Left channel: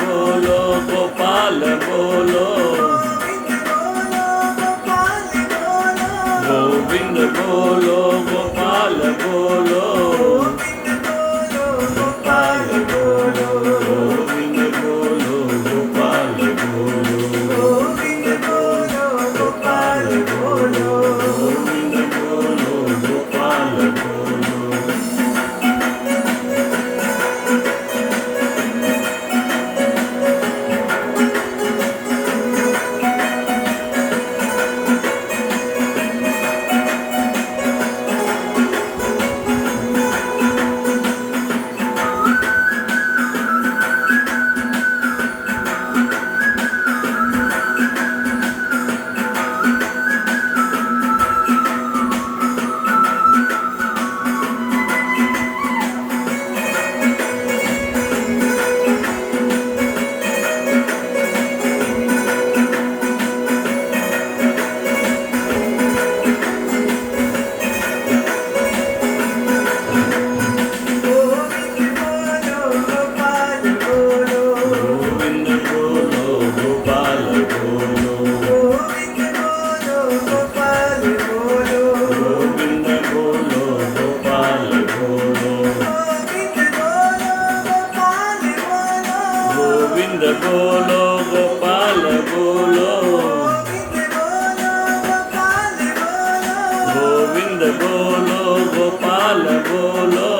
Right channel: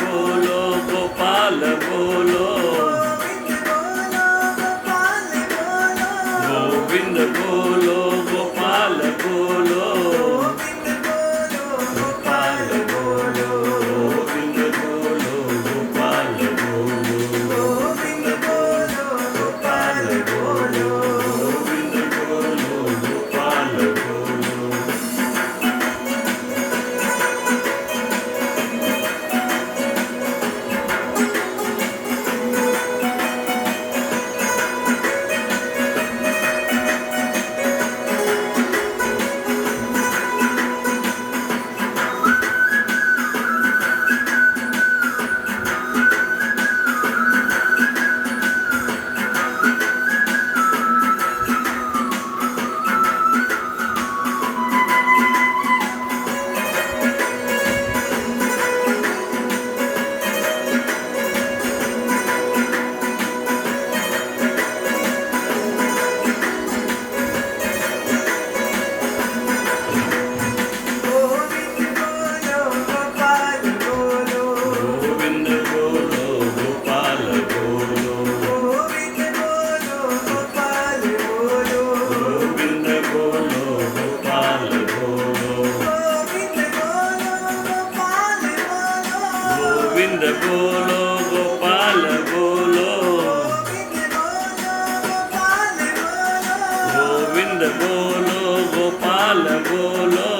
बोलो गोपाल बोलो गोविंद बोलो गोपाल बोलो गोपाल बोलो गोविंद बोलो गोपाल बोलो गोविंद बोलो गोपाल बोलो गोविंद बोलो गोपाल बोलो गोविंद बोलो गोपाल बोलो गोविंद बोलो गोपाल बोलो